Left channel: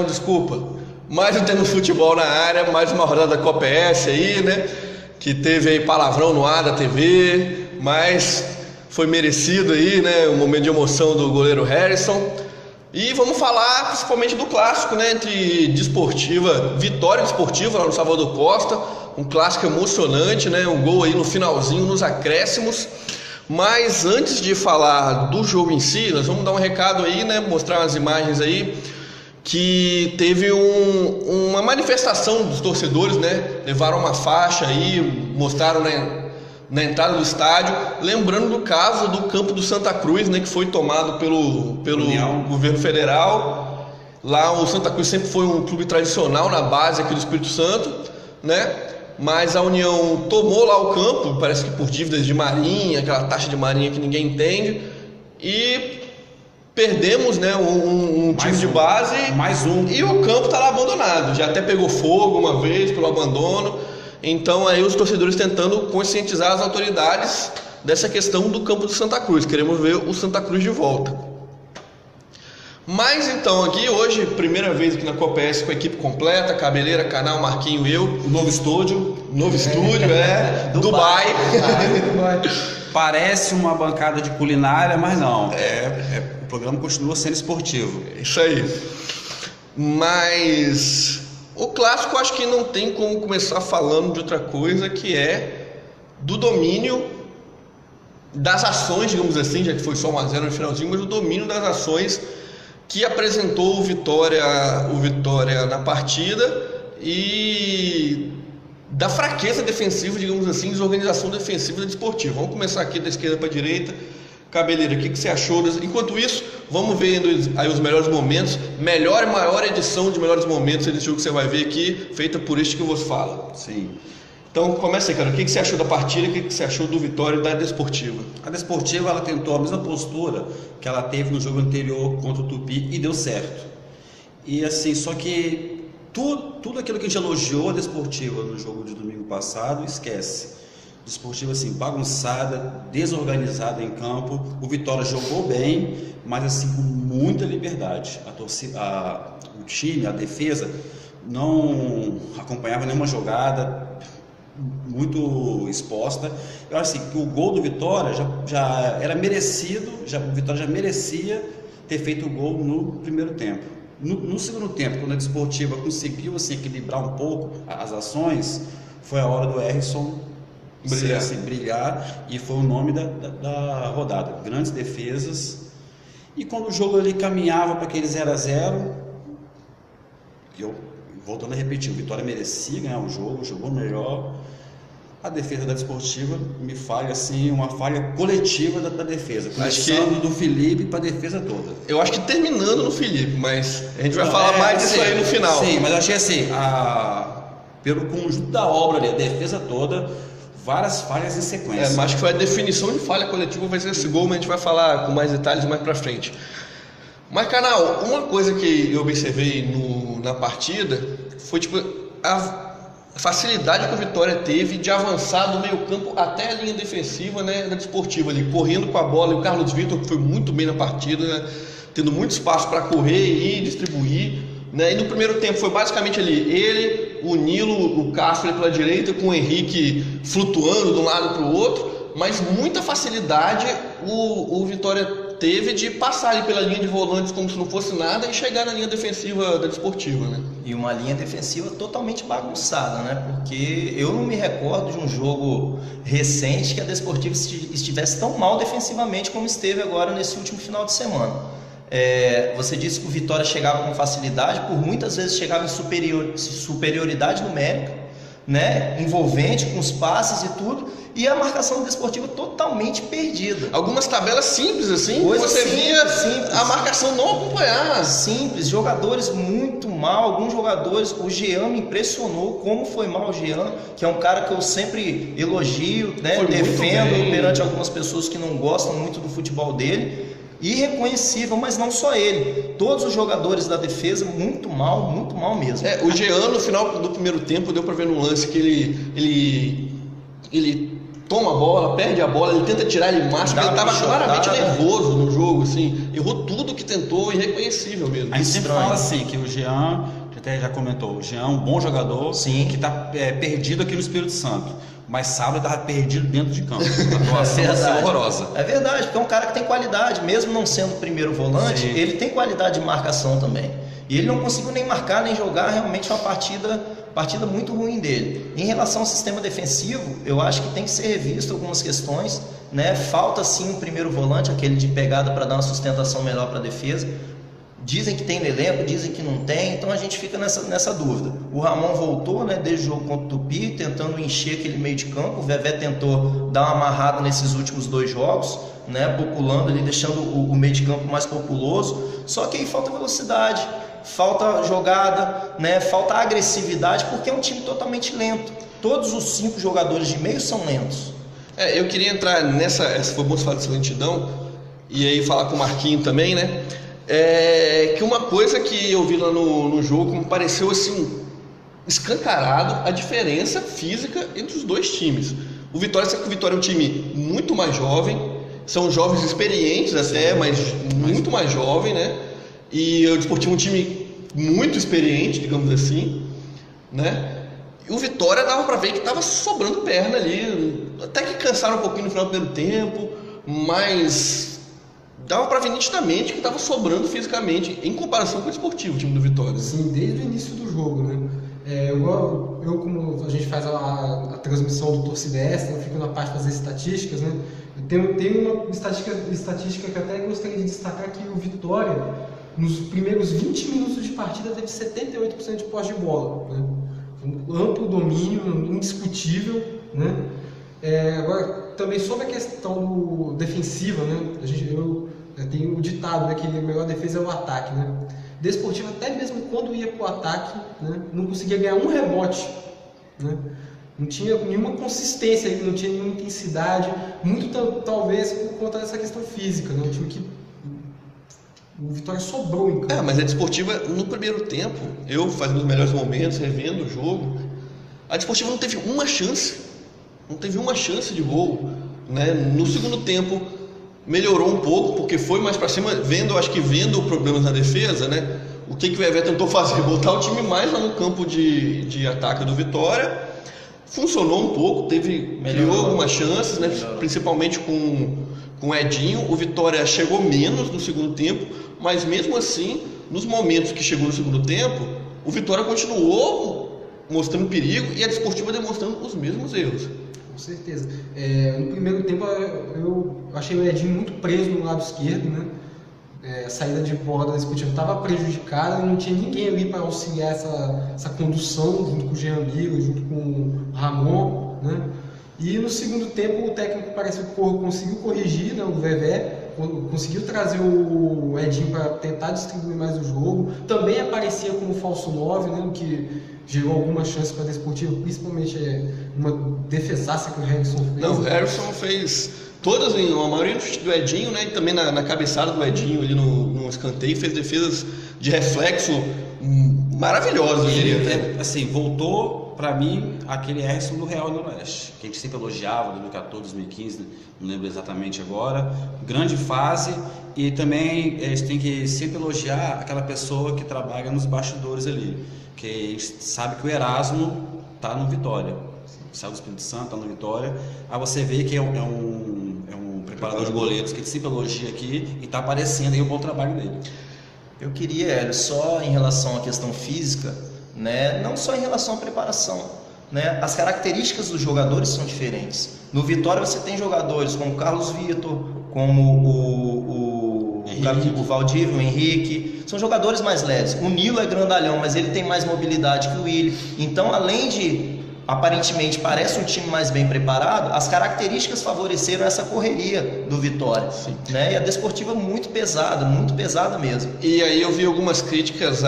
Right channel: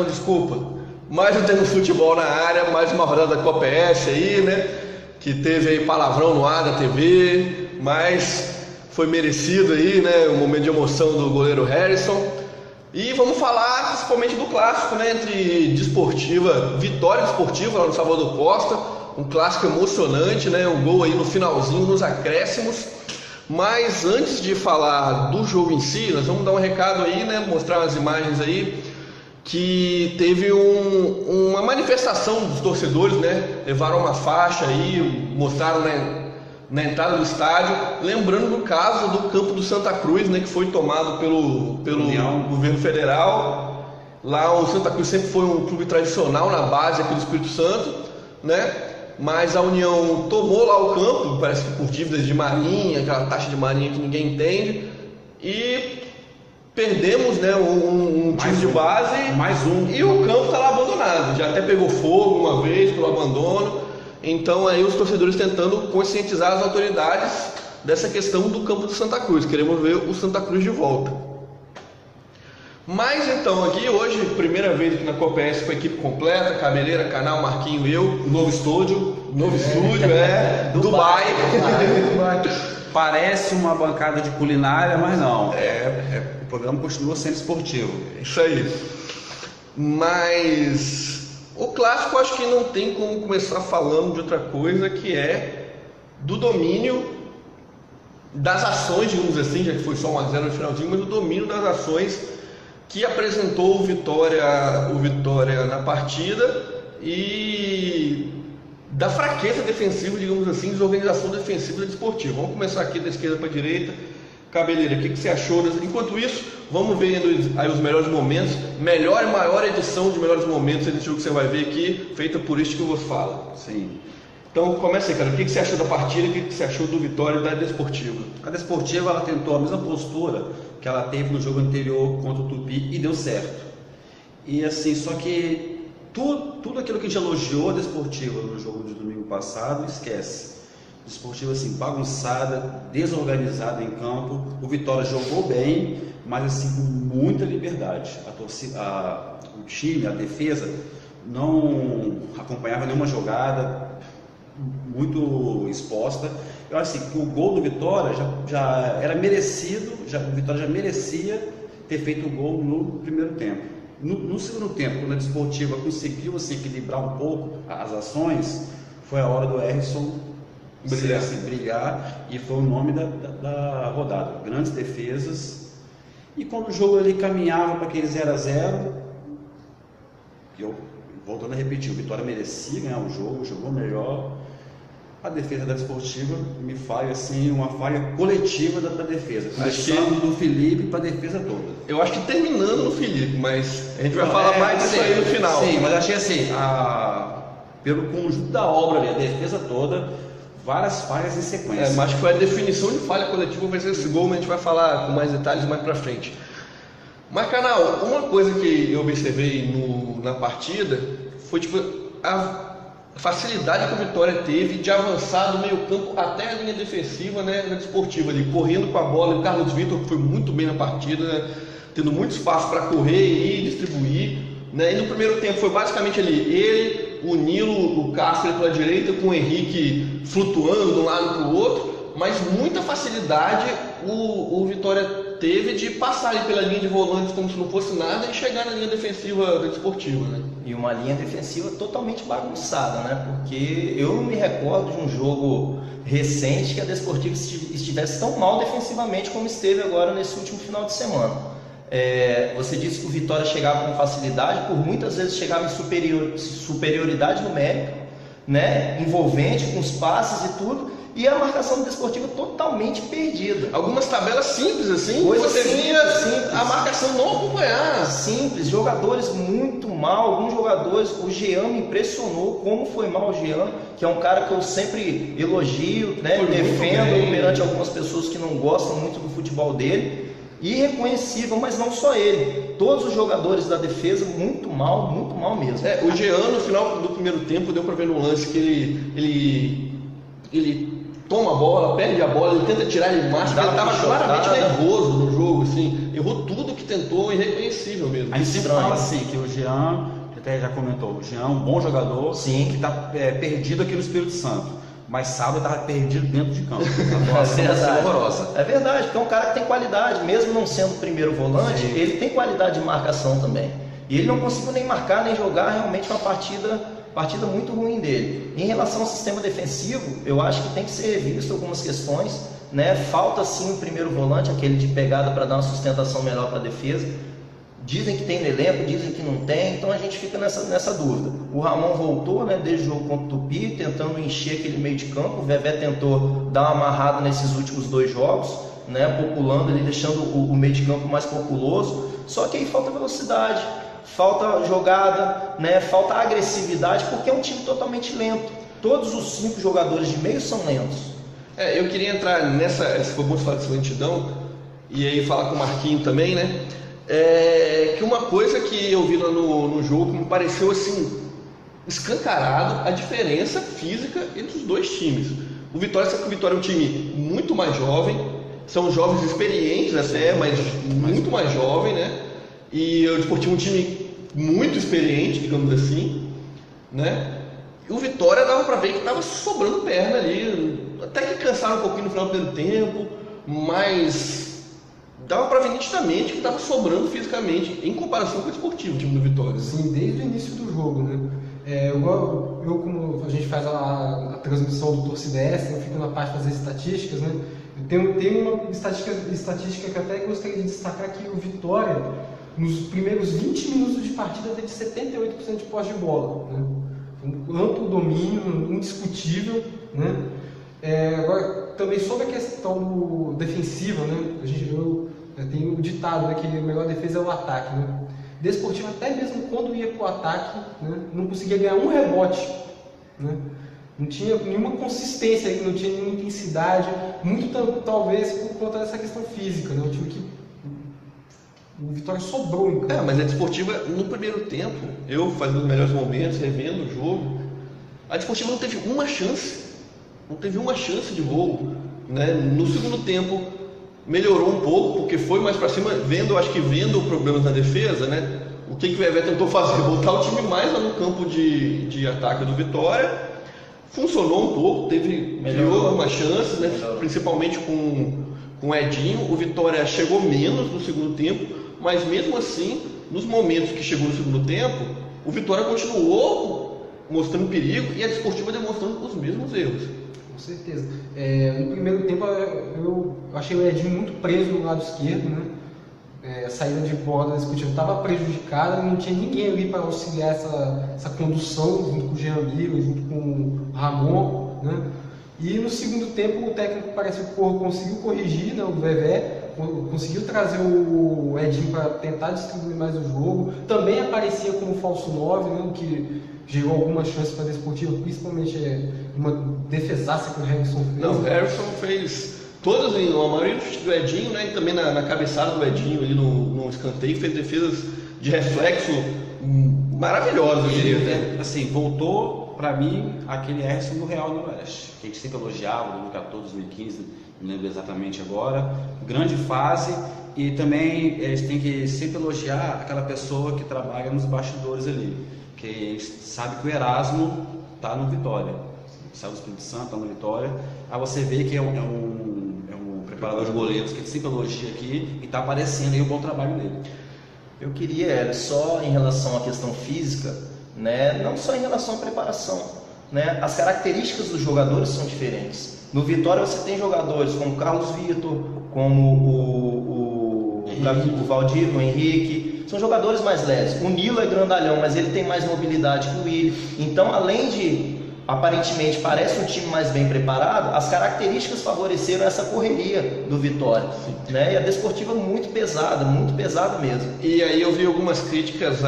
Canão, desculpa. Mais um Temos Futebol na área, mais uma rodada da Copa ES aí, né? Que teve aí palavrão no ar da TV, mas foi merecido aí, né? Um momento de emoção do goleiro Harrison. E vamos falar principalmente do clássico, né? Entre Desportiva, Vitória Desportiva lá no Salvador Costa. Um clássico emocionante, né? Um gol aí no finalzinho, nos acréscimos. Mas antes de falar do jogo em si, nós vamos dar um recado aí, né? Mostrar as imagens aí. Que teve uma manifestação dos torcedores, né? Levaram uma faixa aí, mostraram na entrada do estádio, lembrando do caso do campo do Santa Cruz, né? Que foi tomado pelo governo federal. Lá o Santa Cruz sempre foi um clube tradicional na base aqui do Espírito Santo, né? Mas a União tomou lá o campo, parece que por dívidas de marinha, aquela taxa de marinha que ninguém entende, e perdemos, né, um time de base, e o campo está lá abandonado. Já até pegou fogo uma vez pelo abandono. Então aí os torcedores tentando conscientizar as autoridades dessa questão do campo do Santa Cruz. Queremos ver o Santa Cruz de volta. Mas então aqui hoje, primeira vez aqui na Copa ES com a equipe completa, Cabeleira, Canal, Marquinho e eu. Novo estúdio, Dubai. Parece uma bancada de culinária, mas não. O programa continua sendo esportivo. Isso aí. Mas o clássico acho que não tem como começar falando de outra coisa, que é do domínio das ações, digamos assim, já que foi só 1-0 no finalzinho, mas o domínio das ações que apresentou o Vitória na partida e da fraqueza defensiva, digamos assim, desorganização defensiva da Desportiva. Vamos começar aqui da esquerda para a direita. Cabeleira, o que você achou? Enquanto isso, vamos vendo aí os melhores momentos, melhor e maior edição de melhores momentos desse jogo que você vai ver aqui, feita por este que eu vos falo. Sim. Então começa aí, cara. O que você achou da partida? O que você achou do Vitória e da Desportiva? A Desportiva, ela tentou a mesma postura que ela teve no jogo anterior contra o Tupi e deu certo. E assim, só que tudo aquilo que a gente elogiou a Desportiva no jogo de domingo passado, esquece. Desportiva assim, bagunçada, desorganizada em campo. O Vitória jogou bem, mas assim com muita liberdade. O time, a defesa não acompanhava nenhuma jogada, muito exposta. Eu acho assim que o gol do Vitória já era merecido, o Vitória já merecia ter feito o gol no primeiro tempo. No segundo tempo, quando a Desportiva conseguiu assim, equilibrar um pouco as ações, foi a hora do Harrison brilhar, e foi o nome da rodada. Grandes defesas. E quando o jogo ali caminhava para aquele 0-0, voltando a repetir, o Vitória merecia ganhar o jogo, jogou melhor. A defesa da Desportiva me falha assim, uma falha coletiva da defesa, começando do Felipe para a defesa toda. Eu acho que terminando no Felipe, mas a gente vai falar mais disso aí no final. Sim, mas eu achei assim, pelo conjunto da obra ali, a defesa toda, várias falhas em sequência. Mas acho que foi a definição de falha coletiva, vai ser esse gol, mas a gente vai falar com mais detalhes mais pra frente. Mas, Canal, uma coisa que eu observei na partida foi tipo a facilidade que o Vitória teve de avançar do meio campo até a linha defensiva, né, da Desportiva, ali, correndo com a bola. O Carlos Vitor, que foi muito bem na partida, né, tendo muito espaço para correr e distribuir, né. E no primeiro tempo foi basicamente ali ele, o Nilo, o Castro pela direita, com o Henrique flutuando de um lado para o outro, mas muita facilidade o Vitória teve de passar ali pela linha de volantes como se não fosse nada e chegar na linha defensiva da Desportiva, né? E uma linha defensiva totalmente bagunçada, né? Porque eu não me recordo de um jogo recente que a Desportiva estivesse tão mal defensivamente como esteve agora nesse último final de semana. Você disse que o Vitória chegava com facilidade, por muitas vezes chegava em superioridade numérica, né? Envolvente, com os passes e tudo. E a marcação Desportiva totalmente perdida. Algumas tabelas simples assim, você via a marcação não acompanhar. Simples, jogadores muito mal, alguns jogadores, o Jean me impressionou como foi mal o Jean, que é um cara que eu sempre elogio, né, defendo perante algumas pessoas que não gostam muito do futebol dele. Irreconhecível, mas não só ele, todos os jogadores da defesa muito mal mesmo. O Jean no final do primeiro tempo deu para ver no lance que ele toma a bola, perde a bola, ele tenta tirar, ele marcha, ele estava claramente nervoso no jogo, assim, errou tudo que tentou, irreconhecível mesmo. A gente sempre fala assim, que o Jean, até já comentou, o Jean é um bom jogador, sim, que está perdido aqui no Espírito Santo, mas sábado estava perdido dentro de campo, uma atuação horrorosa. É verdade, porque é um cara que tem qualidade, mesmo não sendo o primeiro volante, sim, ele tem qualidade de marcação também. E ele não conseguiu nem marcar, nem jogar, realmente uma partida muito ruim dele. Em relação ao sistema defensivo, eu acho que tem que ser revisto algumas questões, né? Falta sim um primeiro volante, aquele de pegada para dar uma sustentação melhor para a defesa. Dizem que tem no elenco, dizem que não tem, então a gente fica nessa dúvida. O Ramon voltou, né, desde o jogo contra o Tupi, tentando encher aquele meio de campo. O Vevé tentou dar uma amarrada nesses últimos 2 jogos, né, populando ali, deixando o meio de campo mais populoso. Só que aí falta velocidade, falta jogada, né, falta agressividade, porque é um time totalmente lento. Todos os 5 jogadores de meio são lentos. Eu queria entrar nessa, foi bom falar dessa lentidão, e aí falar com o Marquinhos também, né? Que uma coisa que eu vi lá no jogo me pareceu assim escancarado a diferença física entre os 2 times. O Vitória é um time muito mais jovem, são jovens experientes até, mas muito mais jovem, né? E o Desportivo é um time muito experiente, digamos assim, né? E o Vitória dava para ver que estava sobrando perna ali, até que cansaram um pouquinho no final do primeiro tempo, mas dava para ver nitidamente que estava sobrando fisicamente em comparação com o Desportivo, o time do Vitória. Sim, desde o início do jogo, né? Eu como a gente faz a transmissão do Torcida Extra, eu fico na parte de fazer estatísticas, né? Eu tenho uma estatística que eu até gostaria de destacar, que o Vitória, nos primeiros 20 minutos de partida, teve 78% de posse de bola, né? Um amplo domínio, indiscutível, né? Agora, também sobre a questão defensiva, né? Tem o ditado, né, que a melhor defesa é o ataque, né? Desportivo, até mesmo quando ia para o ataque, né, não conseguia ganhar um rebote, né? Não tinha nenhuma consistência, não tinha nenhuma intensidade, muito talvez por conta dessa questão física, né? Um time que o Vitória sobrou em campo. Mas a Desportiva, no primeiro tempo, eu fazendo os melhores momentos, revendo o jogo, a Desportiva não teve uma chance de gol, né? No segundo tempo melhorou um pouco, porque foi mais para cima, acho que vendo problemas na defesa, né? O que o Vevé tentou fazer? Botar o time mais lá no campo de ataque do Vitória. Funcionou um pouco, criou algumas chances, né? Principalmente com o Edinho. O Vitória chegou menos no segundo tempo, mas mesmo assim, nos momentos que chegou no segundo tempo, o Vitória continuou mostrando perigo e a Desportiva demonstrando os mesmos erros. Com certeza. No primeiro tempo eu achei o Edinho muito preso no lado esquerdo, né? A saída de bola da Desportiva estava prejudicada, não tinha ninguém ali para auxiliar essa condução, junto com o Jean Lira, junto com o Ramon, né? E no segundo tempo o técnico parece que conseguiu corrigir, né, o Vevé, conseguiu trazer o Edinho para tentar distribuir mais o jogo. Também aparecia como falso 9, né, o que gerou alguma chance para a Desportiva, principalmente uma defesaça que o Harrison fez. Não, o Harrison fez todas, a maioria do Edinho, né, e também na cabeçada do Edinho ali no escanteio, fez defesas de reflexo maravilhosas, eu diria. Assim, voltou para mim aquele Harrison do Real Noroeste, que a gente sempre elogiava, 2014, 2015, não lembro exatamente agora. Grande fase, e também a gente tem que sempre elogiar aquela pessoa que trabalha nos bastidores ali, que a gente sabe que o Erasmo está no Vitória, saiu do Espírito Santo, está no Vitória. Aí você vê que é um preparador de goleiros que a gente sempre elogia aqui e está aparecendo aí o bom trabalho dele. Eu queria, só em relação à questão física, né, não só em relação à preparação, né, as características dos jogadores são diferentes. No Vitória você tem jogadores como o Carlos Vitor, como o Valdívio, o Henrique, são jogadores mais leves. O Nilo é grandalhão, mas ele tem mais mobilidade que o Willi. Então, além de, aparentemente, parece um time mais bem preparado, as características favoreceram essa correria do Vitória, né? E a Desportiva muito pesada mesmo. E aí eu vi algumas críticas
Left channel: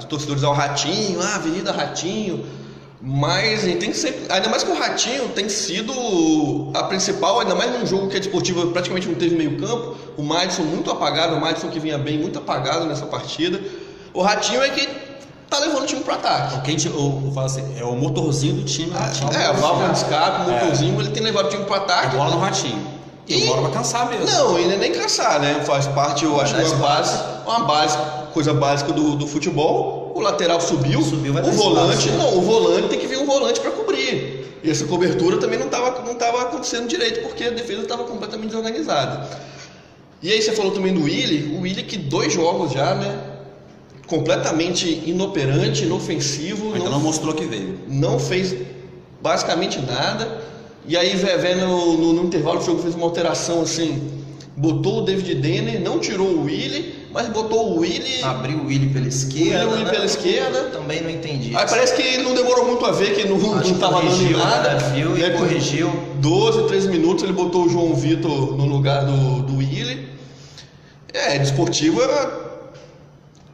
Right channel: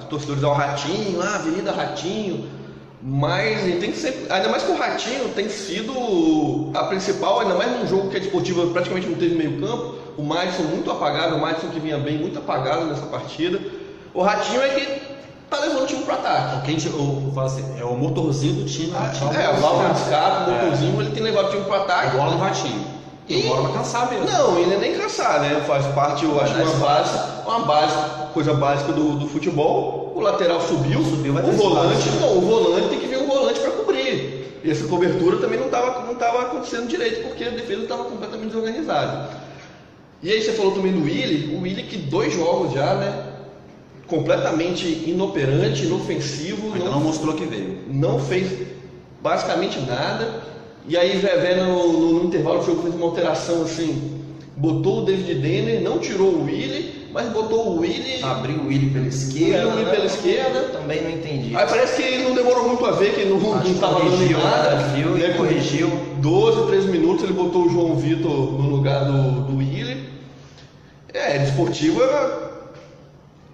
de torcedores ao Ratinho, Avenida Ratinho, mas a gente tem que sempre, ainda mais que o Ratinho tem sido a principal, ainda mais num jogo que a Desportiva praticamente não teve meio campo, o Madison muito apagado, o Madison que vinha bem muito apagado nessa partida. O Ratinho é que tá levando o time pro ataque. Porque eu falo assim, é o motorzinho do time. O válvula de escape, o motorzinho, ele tem levado o time pro A ataque. bola no ratinho. E agora vai cansar mesmo. Não, ele nem cansar, né? Faz parte, eu acho, coisa básica do futebol. O lateral subiu vai ter o volante, espaço. não, o volante tem que vir um volante para cobrir. E essa cobertura também não estava acontecendo direito, porque a defesa estava completamente desorganizada. E aí você falou também do Willi, o Willi que 2 jogos já, né? Completamente inoperante, inofensivo. Ainda não mostrou que veio. Não fez basicamente nada. E aí vendo no intervalo do jogo fez uma alteração assim, botou o David Denner, não tirou o Willi, mas botou o Willi. Abriu o Willi pela esquerda. Willi pela esquerda. Eu também não entendi. Aí parece que não demorou muito a ver, que não estava dando em nada. Viu e corrigiu. 12, 13 minutos ele botou o João Vitor no lugar do Willi. Desportivo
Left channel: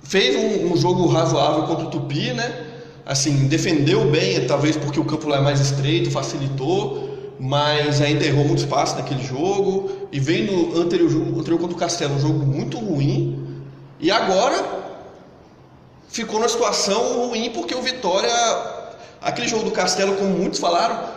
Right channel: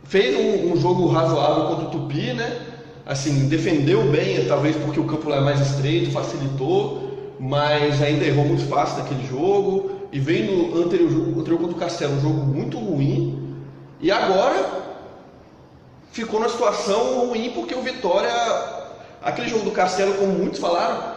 fez um jogo razoável contra o Tupi, né? Assim, defendeu bem, talvez porque o campo lá é mais estreito, facilitou. Mas ainda errou muito espaço naquele jogo. E veio no anterior contra o Castelo, um jogo muito ruim. E agora ficou numa situação ruim porque o Vitória, aquele jogo do Castelo, como muitos falaram,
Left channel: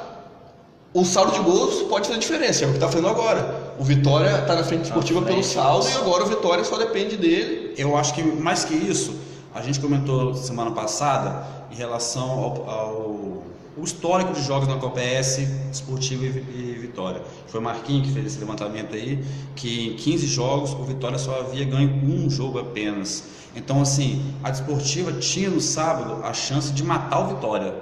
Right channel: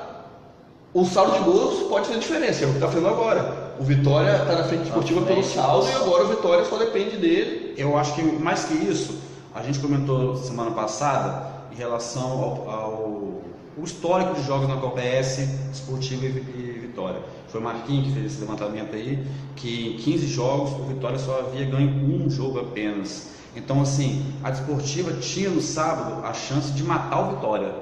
o saldo de gols pode fazer diferença, é o que está fazendo agora. O Vitória está na frente esportiva pelo saldo e agora o Vitória só depende dele. Eu acho que mais que isso, a gente comentou semana passada em relação ao histórico de jogos na Copa S, Esportivo e Vitória. Foi o Marquinhos que fez esse levantamento aí, que em 15 jogos o Vitória só havia ganho um jogo apenas. Então, assim, a Desportiva tinha no sábado a chance de matar o Vitória.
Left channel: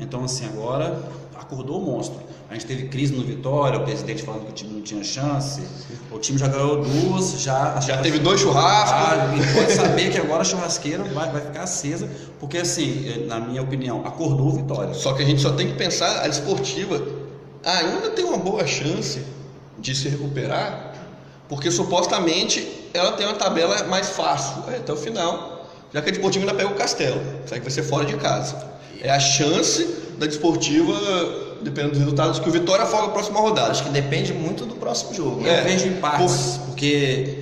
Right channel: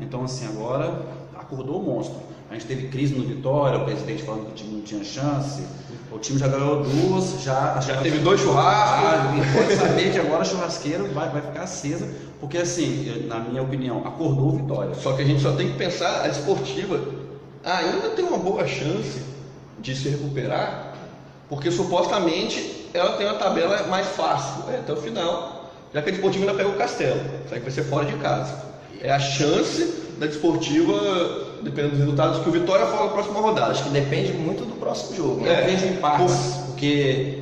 Então, assim, agora acordou o monstro. A gente teve crise no Vitória, o presidente falando que o time não tinha chance. O time já ganhou 2, já teve 2 churrascos. E pode saber que agora a churrasqueira vai ficar acesa, porque, assim, na minha opinião, acordou o Vitória. Só que a gente só tem que pensar, a Desportiva ainda tem uma boa chance de se recuperar, porque supostamente ela tem uma tabela mais fácil até o final, já que a Desportiva ainda pega o Castelo, sabe que vai ser fora de casa. É a chance da Desportiva, dependendo dos resultados, que o Vitória fala na próxima rodada. Acho que depende muito do próximo jogo. Eu vejo em partes, porque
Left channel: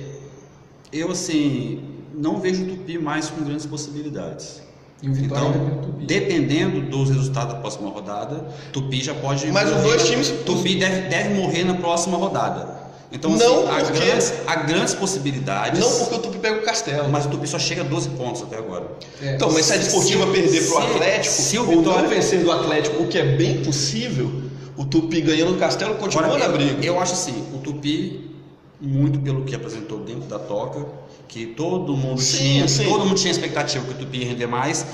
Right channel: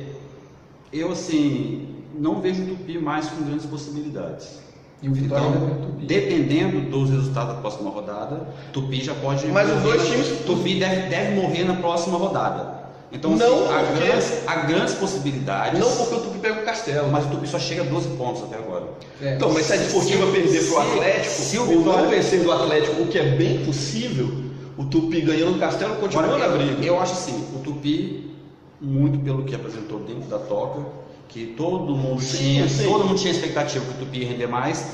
eu, assim, não vejo o Tupi mais com grandes possibilidades. E o Vitória Então, depende do Tupi. dependendo dos resultados da próxima rodada, Tupi já pode Mas morrer. os dois times... Tupi deve morrer na próxima rodada. Então, Não, assim, porque- há grandes possibilidades. Não porque o Tupi pega o Castelo. Mas o Tupi só chega a 12 pontos até agora. Então, mas se a Desportiva perder pro Atlético, se o ou Vitória- não vencer do Atlético, o que é bem possível, o Tupi ganhando o Castelo continua Agora, na briga. eu acho assim, o Tupi, muito pelo que apresentou dentro da toca, que todo mundo tinha expectativa que o Tupi ia render mais,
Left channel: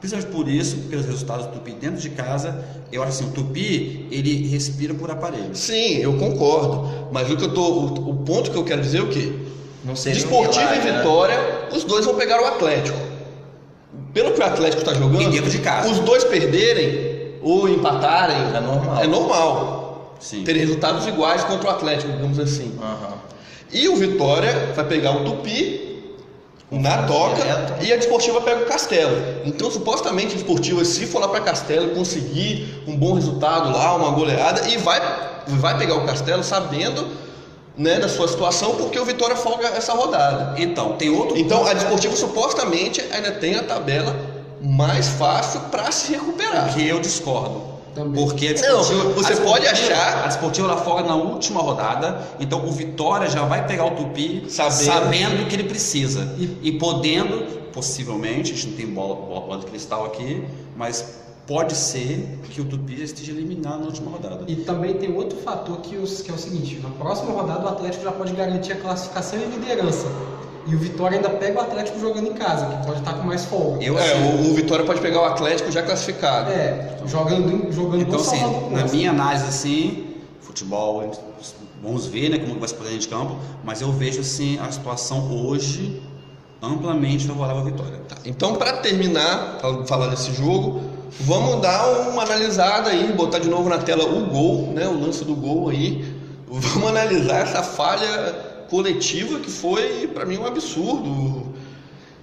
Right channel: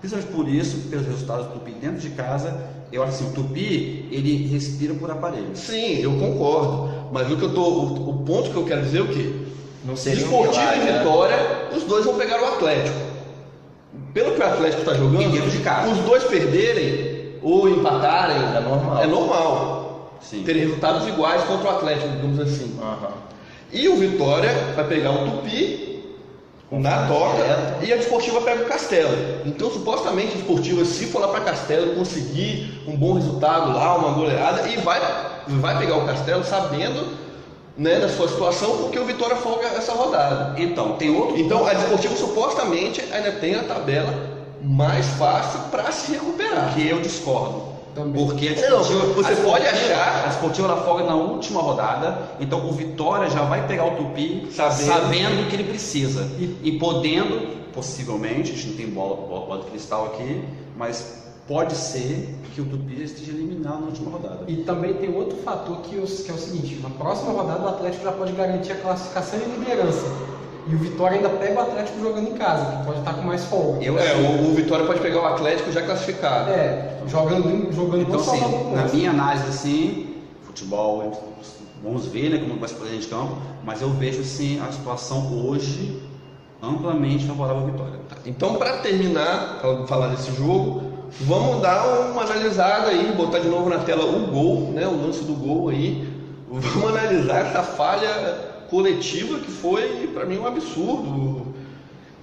principalmente por isso, pelos resultados do Tupi dentro de casa. Eu acho assim, o Tupi, ele respira por aparelho. Sim, eu concordo. Mas o ponto que eu quero dizer é o quê? Não seria Desportiva milagre, e né? Vitória, os dois vão pegar o Atlético. Pelo que o Atlético está jogando, E dentro de casa. os dois perderem ou empatarem É normal. é normal. Sim. Terem resultados iguais contra o Atlético, digamos assim. Aham. E o Vitória vai pegar o Tupi na toca direto. e a Desportiva pega o Castelo. Então, supostamente, a Desportiva, se for lá para Castelo, conseguir um bom resultado lá, uma goleada, e vai pegar o Castelo sabendo, né, da sua situação, porque o Vitória folga essa rodada. Então, tem outro Então, ponto a Desportiva supostamente ainda tem a tabela mais fácil para se recuperar. que eu discordo. Também. Porque a Não, Desportiva, você a pode Desportiva- achar- A Desportiva ela folga na última rodada, então o Vitória já vai pegar o Tupi sabendo do que ele precisa. E podendo, possivelmente, a gente não tem bola de cristal aqui, mas pode ser que o Tupi já esteja eliminado na última rodada. E também tem outro fator que é o seguinte: na próxima rodada o Atlético já pode garantir a classificação e liderança. E o Vitória ainda pega o Atlético jogando em casa, que pode estar com mais folga. O Vitória pode pegar o Atlético já classificado. Jogando Então, no assim, Salvador. na minha análise, assim, futebol, vamos ver, né, como vai se fazer dentro de campo, mas eu vejo, assim, a situação hoje amplamente favorável à Vitória. Então, para terminar, falar desse jogo, vamos dar uma analisada aí, botar de novo na tela o gol, né, o lance do gol aí. Vamos analisar essa falha coletiva que foi, para mim, um absurdo.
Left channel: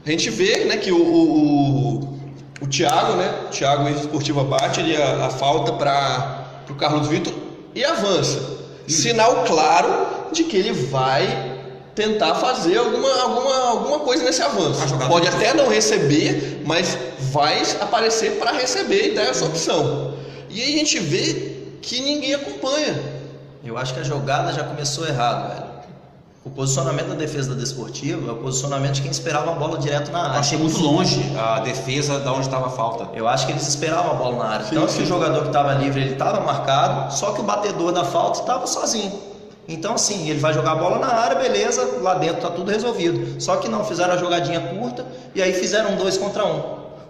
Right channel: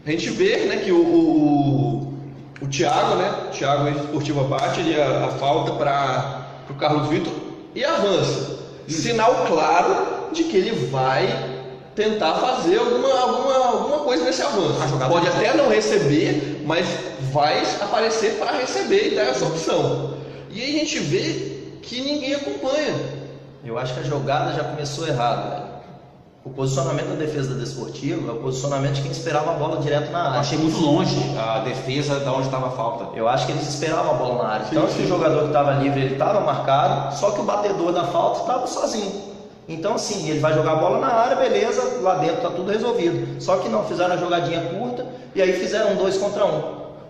A gente vê, né, que o Thiago, né, o Thiago ex-esportiva bate a falta para o Carlos Vitor e avança. Sinal claro de que ele vai tentar fazer alguma coisa nesse avanço. Pode até não receber, mas vai aparecer para receber e dar essa opção. E aí a gente vê que ninguém acompanha. Eu acho que a jogada já começou errado, velho. O posicionamento da defesa da Desportiva é o posicionamento de quem esperava a bola direto na área. Achei muito longe a defesa de onde estava a falta. Eu acho que eles esperavam a bola na área. Sim, Tanto sim. que o jogador que estava livre, ele estava marcado, só que o batedor da falta estava sozinho. Então, assim, ele vai jogar a bola na área, beleza, lá dentro tá tudo resolvido. Só que não, fizeram a jogadinha curta e aí fizeram 2 contra 1.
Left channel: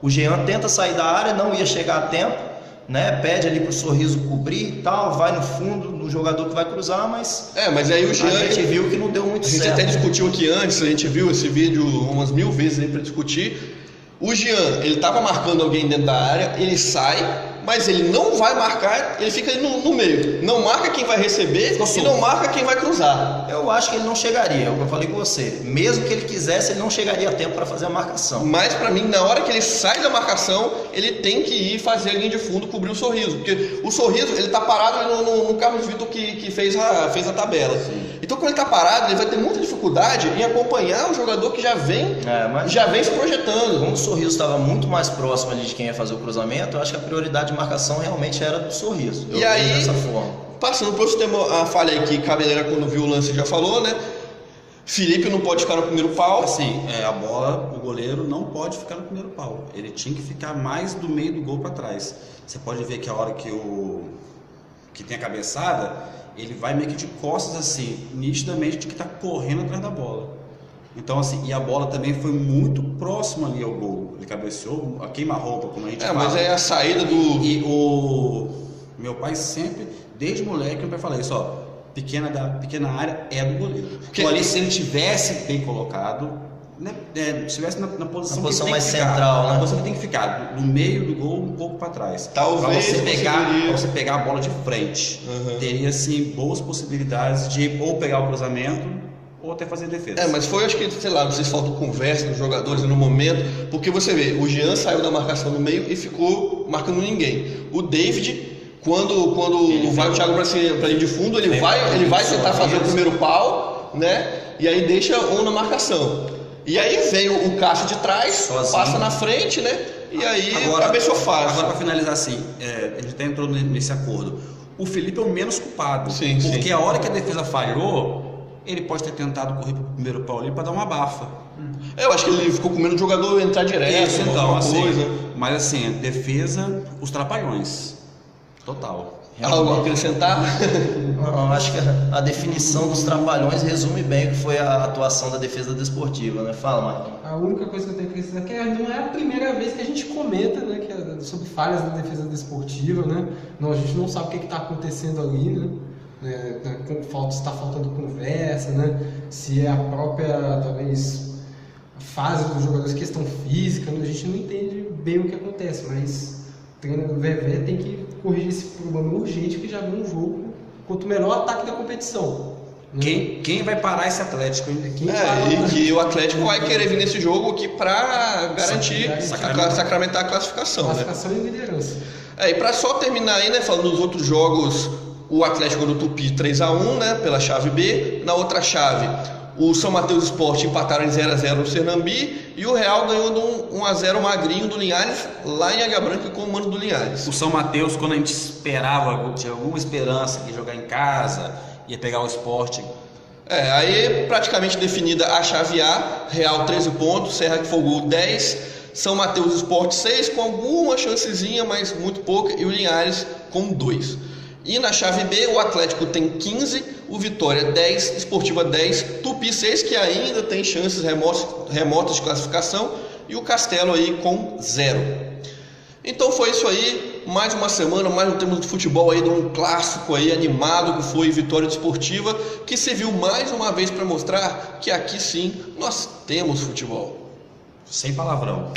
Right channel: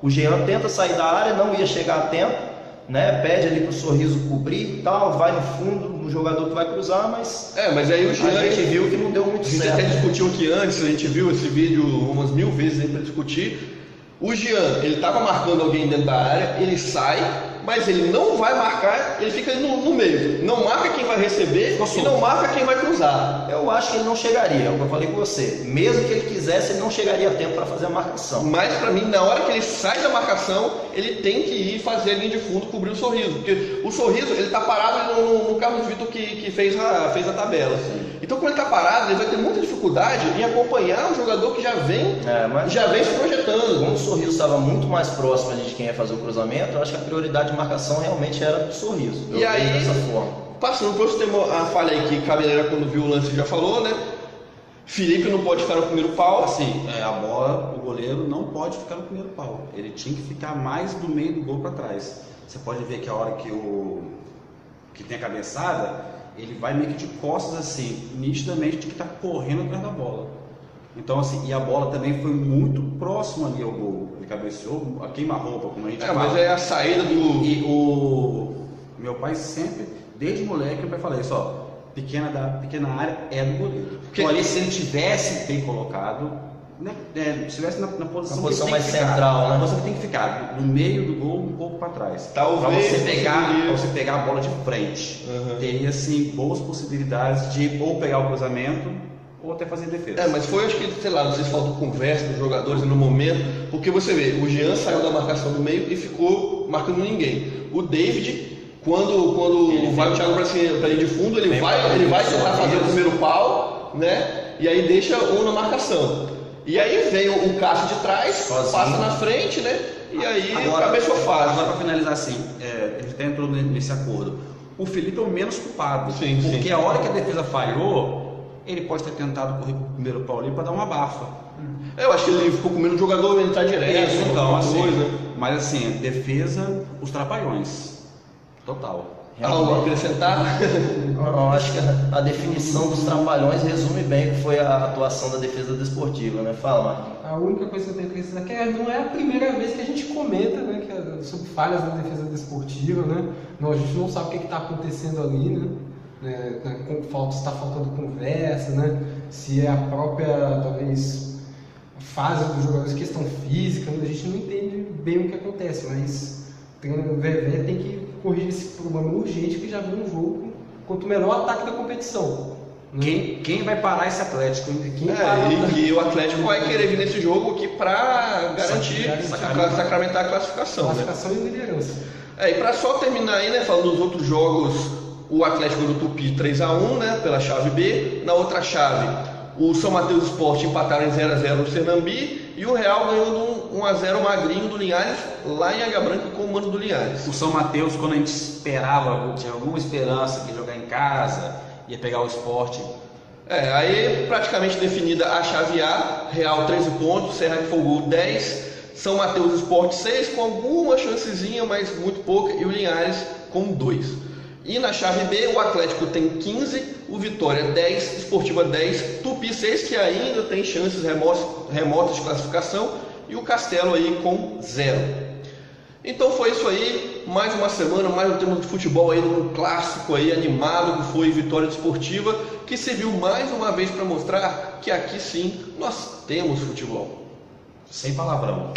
O Jean tenta sair da área, não ia chegar a tempo, né? Pede ali pro Sorriso cobrir e tal, vai no fundo do jogador que vai cruzar, mas Mas aí o Jean, a gente viu que não deu muito a gente certo. até discutiu aqui antes, a gente viu esse vídeo umas 1000 vezes aí para discutir. O Jean, ele estava marcando alguém dentro da área, ele sai, mas ele não vai marcar, ele fica ali no meio. Não marca quem vai receber e não marca quem vai cruzar. Eu acho que ele não chegaria, é o que eu falei com você. Mesmo que ele quisesse, ele não chegaria a tempo para fazer a marcação. Mas pra mim, na hora que ele sai da marcação, ele tem que ir fazer a linha de fundo, cobrir o Sorriso. Porque o Sorriso, ele tá parado no Carlos Vitor que fez a tabela. Sim. Então quando ele tá parado, ele vai ter muita dificuldade em acompanhar um jogador que já vem se projetando. Como o Sorriso estava muito mais próximo ali de quem ia fazer o cruzamento, eu acho que a prioridade de marcação realmente era do Sorriso. E aí, dessa forma. Passando por tem a falha aí que Cabeleira, quando viu o lance, já falou, né? Felipe não pode ficar no primeiro pau. Assim, a bola, o goleiro não pode ficar no primeiro pau. Ele tinha que ficar mais do meio do gol para trás. Você pode ver que a hora que tem a cabeçada, ele vai meio que de costas assim, nitidamente de que está correndo atrás da bola. Então assim, e a bola também foi muito próxima ali ao gol. Ele cabeceou, a queima-roupa, como a gente fala. Mas é a saída do... E o meu pai sempre, desde moleque, meu pai fala isso, ó, pequena área é do goleiro. Então ali, se ele tivesse bem colocado, né, se estivesse na posição que tem mais que ficar, central, né? na posição que tem que ficar, no meio do gol, um pouco para trás. Talvez Pra você pegar a bola de frente. Teria, assim, boas possibilidades de ou pegar o cruzamento ou até fazer defesa. Mas foi, acho que, sei lá, não sei se faltou conversa dos jogadores no momento, porque você vê, o Jean saiu da marcação no meio e ficou marcando ninguém. O David, quando vai o Thiago para ir de fundo, ele vai tentar fazer o primeiro pau, né? E aí deixa um na marcação. E aí vem o Cássio de trás, sozinho, passa na frente, né? E aí cabeceou fácil. Agora, para finalizar assim, a gente até entrou nesse acordo. O Felipe é o menos culpado. Porque a hora que a defesa falhou, ele pode ter tentado correr pro primeiro pau ali para dar uma abafa. Eu acho que ele ficou com medo do jogador entrar direto. Isso, então, assim, coisa. mas assim, defesa, os trapalhões. Total. Algo a acrescentar? Eu acho que a definição dos trapalhões resume bem o que foi a atuação da defesa desportiva, né? Fala, Marquinhos. A única coisa que eu tenho que acrescentar é que não é a primeira vez que a gente comenta, né, sobre falhas da defesa desportiva, né? Não, a gente não sabe o que está acontecendo ali, né? Está faltando conversa, né? Se é a própria, talvez, fase dos jogadores, questão física, né? A gente não entende bem o que acontece, mas o Vevé tem que corrigir esse problema urgente que já viu um jogo contra o melhor ataque da competição. Quem vai parar esse Atlético? E que o Atlético vai querer vir nesse jogo aqui para garantir, sacramentar a classificação. Classificação e liderança. E para só terminar aí, né, falando dos outros jogos, o Atlético do Tupi 3-1, né, pela chave B. Na outra chave, o São Mateus Sport empataram em 0-0 no Sernambi e o Real ganhou de 1-0 magrinho do Linhares, lá em Águia Branca com o mano do Linhares. O São Mateus, quando a gente esperava, tinha alguma esperança de jogar em casa, ia pegar o Sport. Aí praticamente definida a chave A, Real 13 pontos, Serra de Fogo 10, São Mateus Sport 6, com alguma chancezinha, mas muito pouca, e o Linhares com 2. E na chave B, o Atlético tem 15, o Vitória 10, Esportiva 10, Tupi 6, que ainda tem chances remotas de classificação, e o Castelo aí com 0. Então foi isso aí, mais uma semana, mais um tema de futebol aí, de um clássico aí animado que foi Vitória Desportiva, que serviu mais uma vez para mostrar que aqui sim nós temos futebol. Sem palavrão.